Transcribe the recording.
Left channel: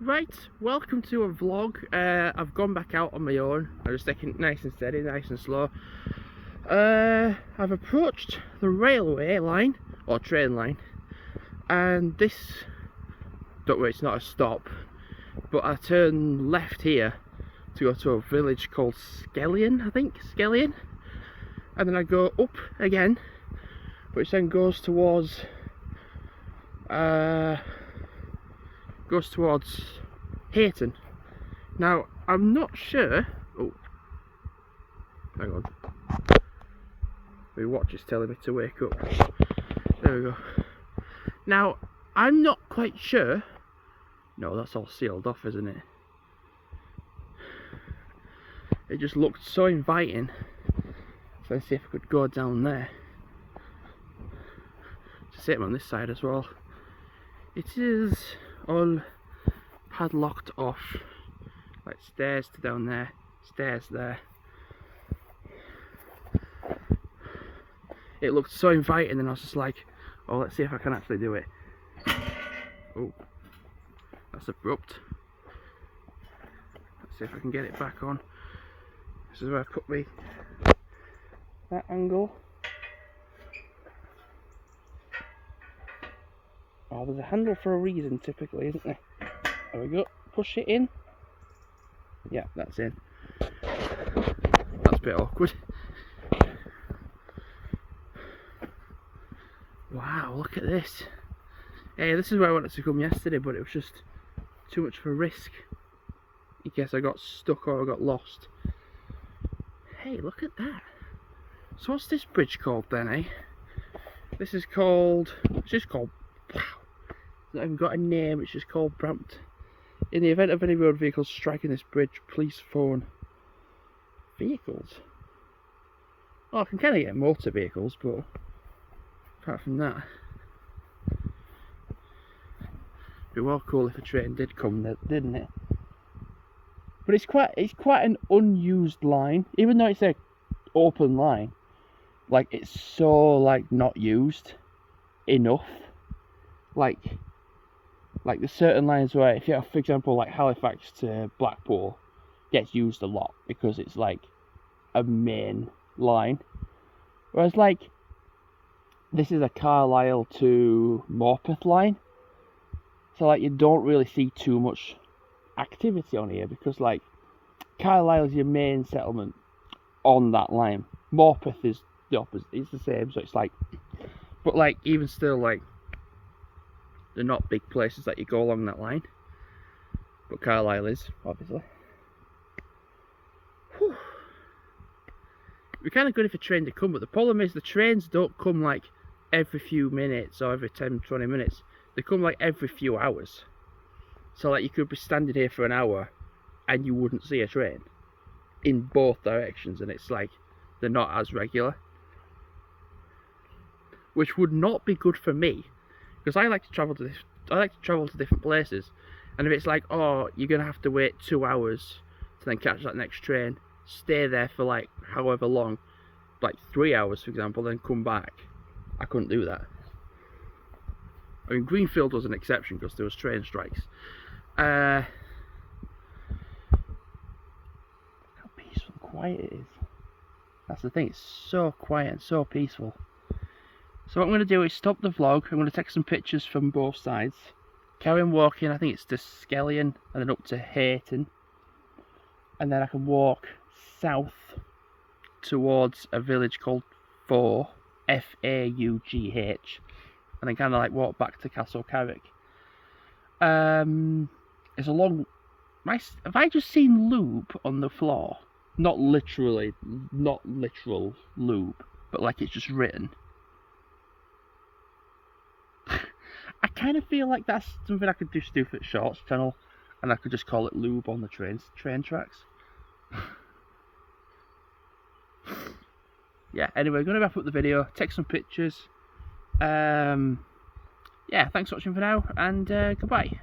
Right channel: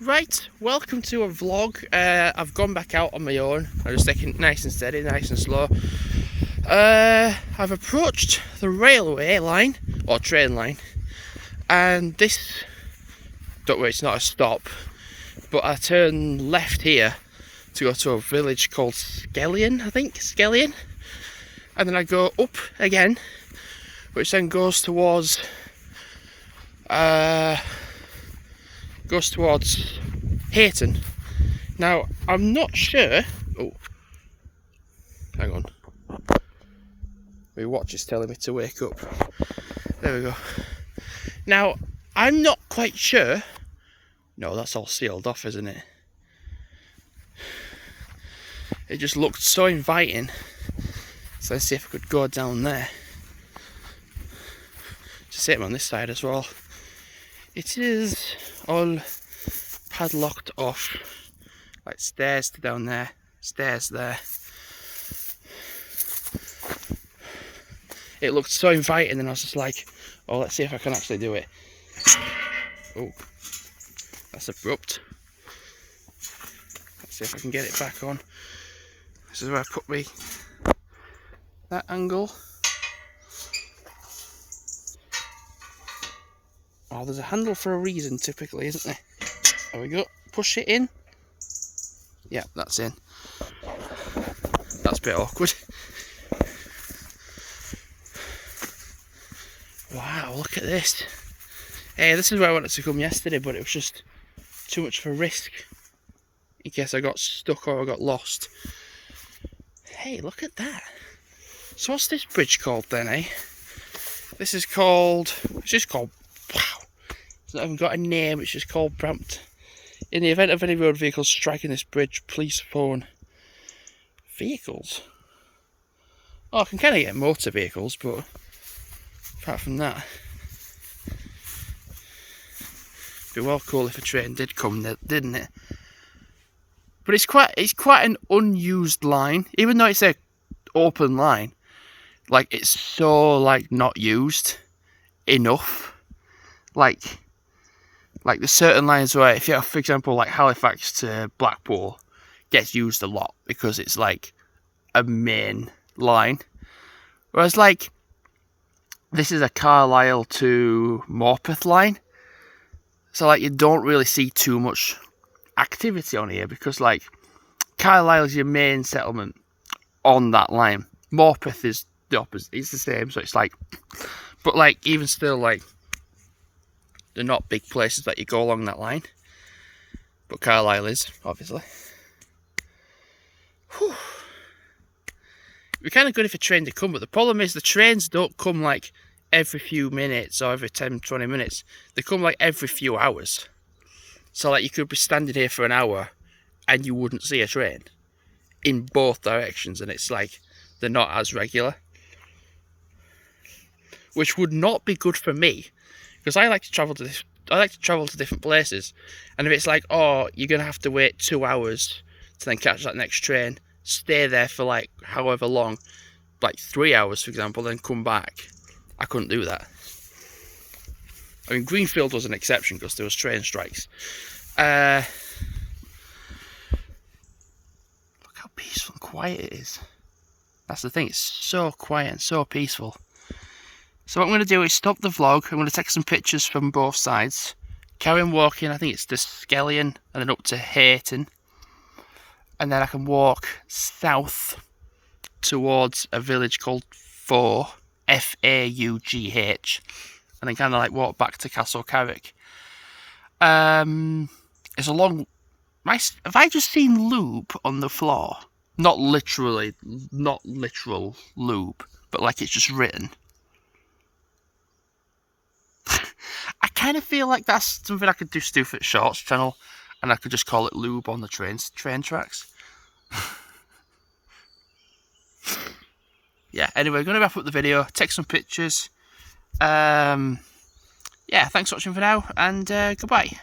Right, welcome to a vlog. I've gone back out on my own. I'm just taking it nice and steady, nice and slow. I've approached the railway line, or train line, and this, don't worry, it's not a stop, but I turn left here to go to a village called Skellion, I think, Skellion, and then I go up again, which then goes towards Hayton. Now, I'm not sure. Oh, hang on. My watch is telling me to wake up. There we go. Now, I'm not quite sure. No, that's all sealed off, isn't it? It just looked so inviting. So let's see if I could go down there. Just same on this side as well. It is all padlocked off, like stairs to down there, stairs there. It looked so inviting, and I was just like, oh, let's see if I can actually do it. Oh, that's abrupt. Let's see if I can get it back on. This is where I put that angle. Oh, there's a handle for a reason, typically, isn't there? There we go. Push it in. Yeah, that's in. That's a bit awkward. Wow, look at this. Hey, this is where I wanted to come yesterday, but it was just too much of a risk in case I got stuck or I got lost. Hey, look at that. So what's this bridge called then, eh? This is called... It's just called... Wow. It's not even got a name, it's just called Brampton. In the event of any road vehicles striking this bridge, please phone vehicles. Oh, I can kind of get motor vehicles, but apart from that, it'd be well cool if a train did come, didn't it? But it's quite an unused line, even though it's a open line. Like, it's so like not used enough. Like there's certain lines where, if you have, for example, like Halifax to Blackpool, gets used a lot because it's like a main line. Whereas like this is a Carlisle to Morpeth line, so like you don't really see too much activity on here because like Carlisle is your main settlement on that line. Morpeth is the opposite. It's the same, so it's like, but like even still, like, they're not big places that you go along that line, but Carlisle is, obviously. Whew. It'd be kind of good if a train did come, but the problem is the trains don't come like every few minutes or every 10-20 minutes. They come like every few hours. So like you could be standing here for an hour and you wouldn't see a train in both directions, and it's like they're not as regular, which would not be good for me. Because I like to travel to different places, and if it's like, oh, you're gonna have to wait 2 hours to then catch that next train, stay there for like however long, like 3 hours for example, then come back, I couldn't do that. I mean, Greenfield was an exception because there was train strikes. Look how peaceful and quiet it is. That's the thing, it's so quiet and so peaceful. So what I'm going to do is stop the vlog. I'm going to take some pictures from both sides, carry on walking. I think it's to Skellion and then up to Hayton, and then I can walk south towards a village called Faugh, F-A-U-G-H, and then kind of like walk back to Castle Carrick. It's a long... Have I just seen lube on the floor? Not literal lube, but like it's just written. I kind of feel like that's something I could do Stuford Shorts channel, and I could just call it lube on the train tracks. Yeah, anyway, going to wrap up the video, take some pictures. Yeah, thanks for watching for now, and goodbye.